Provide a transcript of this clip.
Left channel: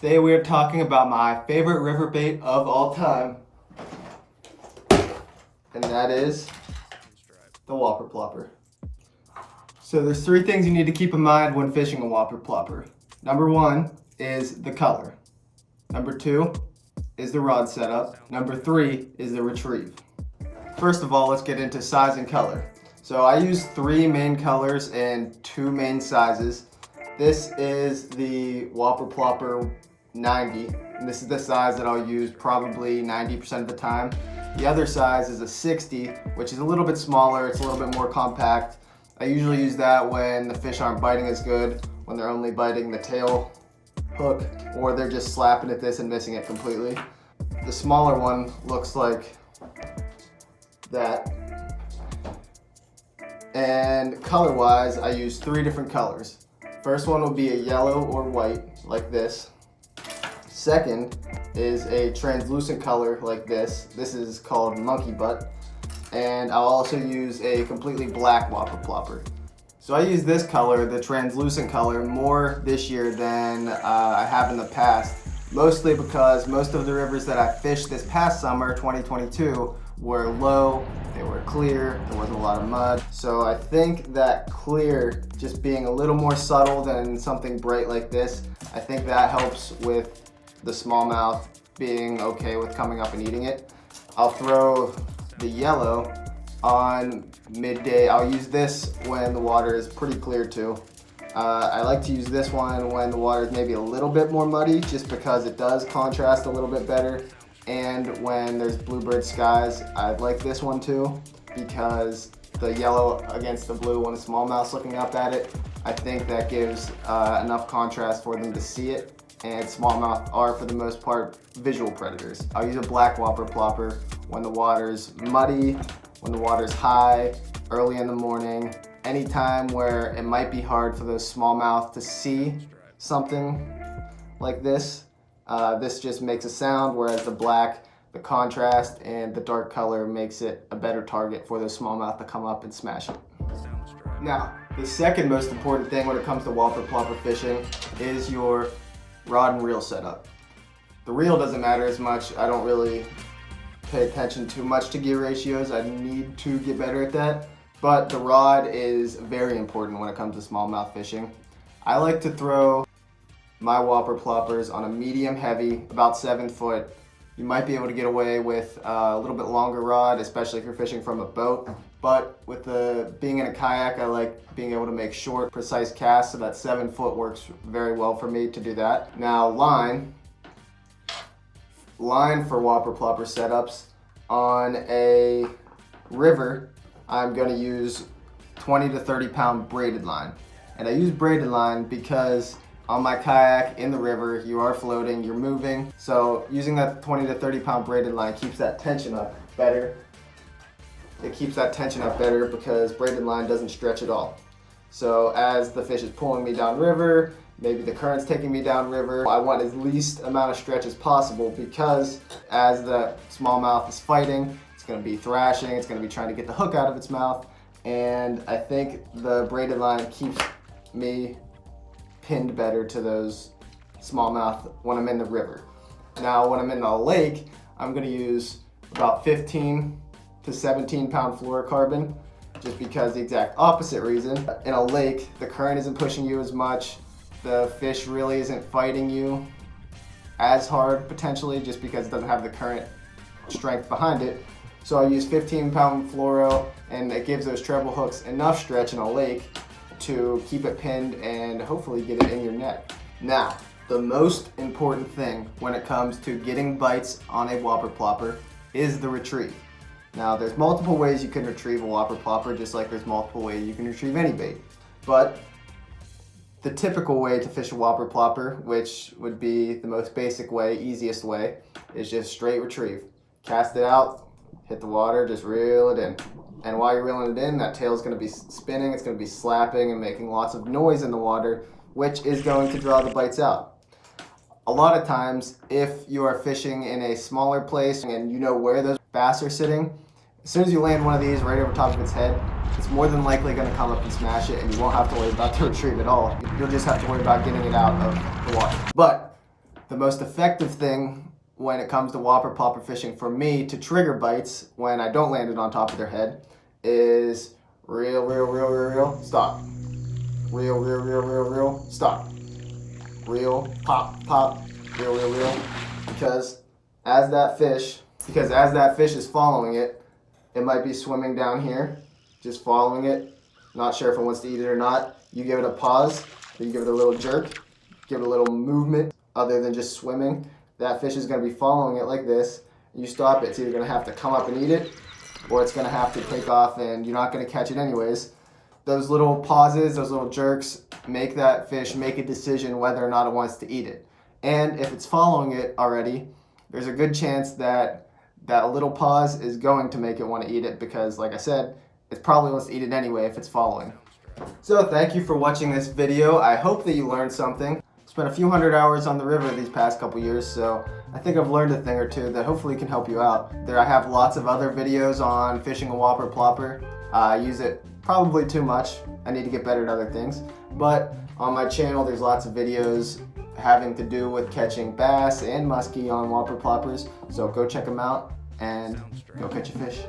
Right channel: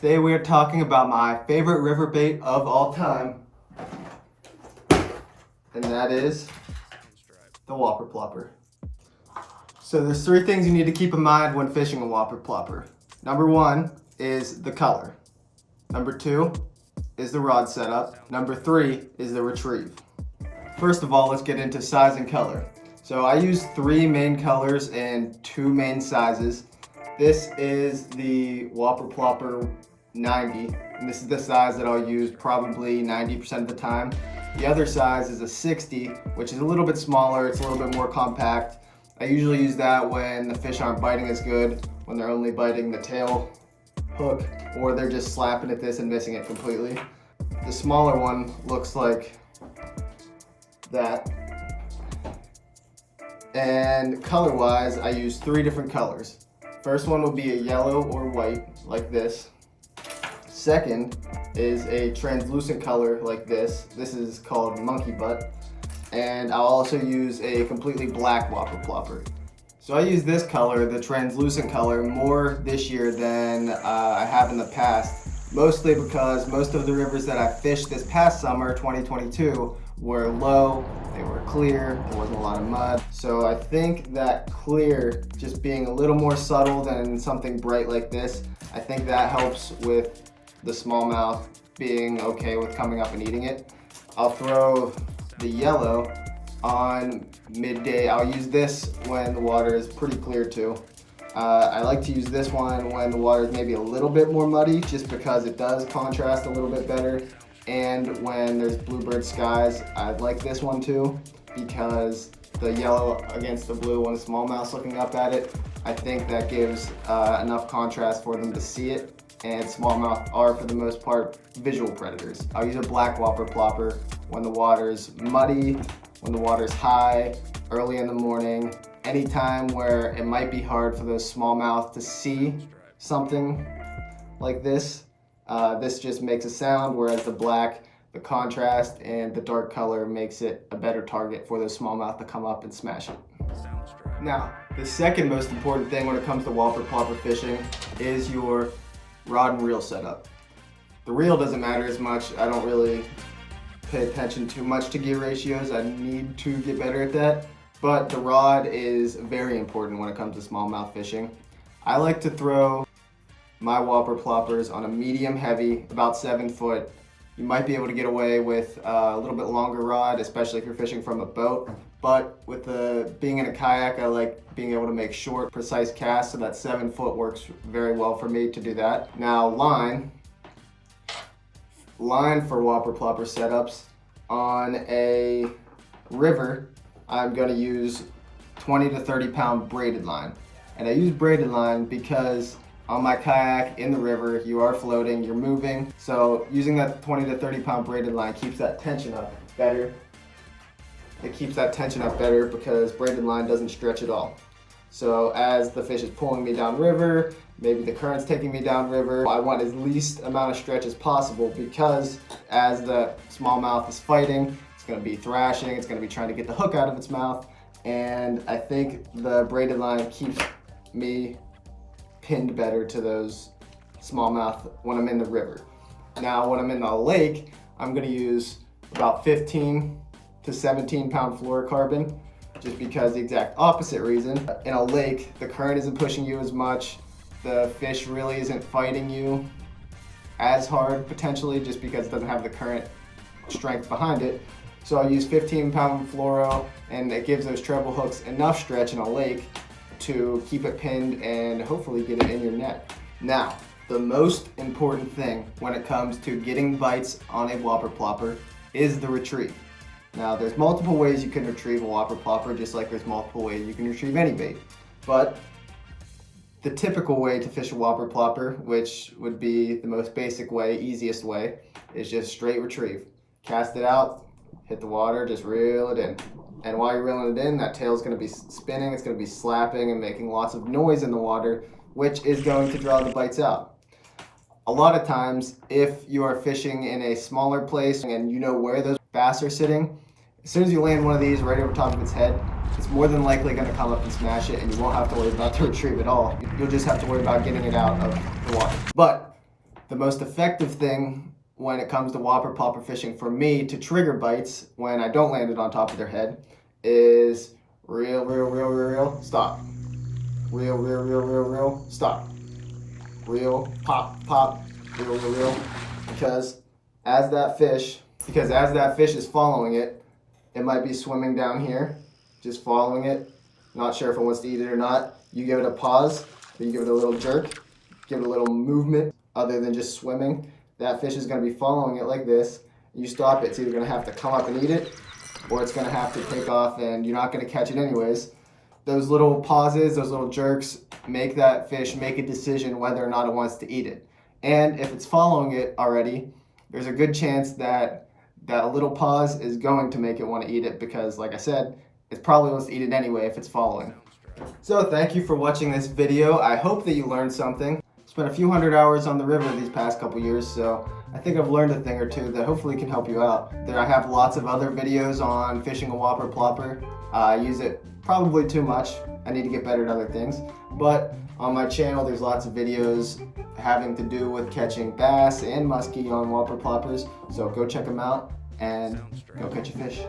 Today we are talking about my favorite river bait of all time, and that is the Whopper Plopper. So there's three things you need to keep in mind when fishing a Whopper Plopper. Number one is the color. Number two is the rod setup. Number three is the retrieve. First of all, let's get into size and color. So I use three main colors and two main sizes. This is the Whopper Plopper 90, and this is the size that I'll use probably 90% of the time. The other size is a 60, which is a little bit smaller, it's a little bit more compact. I usually use that when the fish aren't biting as good, when they're only biting the tail hook, or they're just slapping at this and missing it completely. The smaller one looks like that. And color-wise, I use three different colors. First one will be a yellow or white, like this. Second is a translucent color like this. This is called monkey butt. And I'll also use a completely black Whopper Plopper. So I use this color, the translucent color, more this year than I have in the past. Mostly because most of the rivers that I fished this past summer, 2022, were low, they were clear, there wasn't a lot of mud. So I think that clear, just being a little more subtle than something bright like this, I think that helps with the smallmouth being okay with coming up and eating it. I'll throw the yellow on midday. I'll use this when the water is pretty clear too. I like to use this one when the water is maybe a little bit more muddy, just because it does contrast a little bit better. And when there's bluebird skies, I like this one too, because the yellow against the blue when the smallmouth's looking up at it, I think that gives enough contrast for them to see it. And smallmouth are, for the most part, visual predators. I'll use a black Whopper Plopper when the water's muddy, when the water's high, early in the morning, any time where it might be hard for those smallmouth to see something like this. This just makes a sound, whereas the black, the contrast, and the dark color makes it a better target for those smallmouth to come up and smash it. Now, the second most important thing when it comes to Whopper Plopper fishing is your rod and reel setup. The reel doesn't matter as much. I don't really pay attention too much to gear ratios. I need to get better at that. But the rod is very important when it comes to smallmouth fishing. I like to throw my Whopper Ploppers on a medium heavy, about 7 foot. You might be able to get away with a little bit longer rod, especially if you're fishing from a boat. But with being in a kayak, I like being able to make short, precise casts, so that 7 foot works very well for me to do that. Now line for Whopper Plopper setups, on a river, I'm gonna use 20 to 30 pound braided line. And I use braided line because on my kayak in the river, you are floating, you're moving. So using that 20 to 30 pound braided line keeps that tension up better. It keeps that tension up better because braided line doesn't stretch at all. So as the fish is pulling me downriver, maybe the current's taking me downriver, I want as least amount of stretch as possible, because as the smallmouth is fighting, it's gonna be thrashing, it's gonna be trying to get the hook out of its mouth, and I think the braided line keeps me pinned better to those smallmouth when I'm in the river. Now when I'm in a lake, I'm gonna use about 15 to 17 pound fluorocarbon, just because the exact opposite reason. In a lake, the current isn't pushing you as much, the fish really isn't fighting you as hard potentially, just because it doesn't have the current strength behind it. So I use 15 pound fluoro, and it gives those treble hooks enough stretch in a lake to keep it pinned and hopefully get it in your net. Now, the most important thing when it comes to getting bites on a Whopper Plopper is the retrieve. Now, there's multiple ways you can retrieve a Whopper Plopper, just like there's multiple ways you can retrieve any bait. But the typical way to fish a Whopper Plopper, which would be the most basic way, easiest way, is just straight retrieve. Cast it out, hit the water, just reel it in. And while you're reeling it in, that tail's gonna be spinning, it's gonna be slapping and making lots of noise in the water, which is going to draw the bites out. A lot of times, if you are fishing in a smaller place and you know where those bass are sitting, as soon as you land one of these right over top of its head, it's more than likely gonna come up and smash it, and you won't have to worry about the retrieve at all. You'll just have to worry about getting it out of the water. But The most effective thing when it comes to whopper plopper fishing for me to trigger bites when I don't land it on top of their head is reel, reel, reel, reel, reel, stop. Reel, reel, reel, reel, reel, stop. Reel, pop, pop, reel, reel, reel. Because as that fish is following it, it might be swimming down here, just following it, not sure if it wants to eat it or not. You give it a pause, then you give it a little jerk, give it a little movement other than just swimming. That fish is going to be following it like this. You stop it, it's either going to have to come up and eat it, or it's going to have to take off and you're not going to catch it anyways. Those little pauses, those little jerks make that fish make a decision whether or not it wants to eat it. And if it's following it already, there's a good chance that that little pause is going to make it want to eat it because, like I said, it probably wants to eat it anyway if it's following. So thank you for watching this video. I hope that you learned something. Spent a few hundred hours on the river these past couple years, so I think I've learned a thing or two that hopefully can help you out. I have lots of other videos on fishing a whopper plopper. I use it probably too much. I need to get better at other things. But on my channel, there's lots of videos having to do with catching bass and muskie on whopper ploppers. So go check them out and go catch a fish.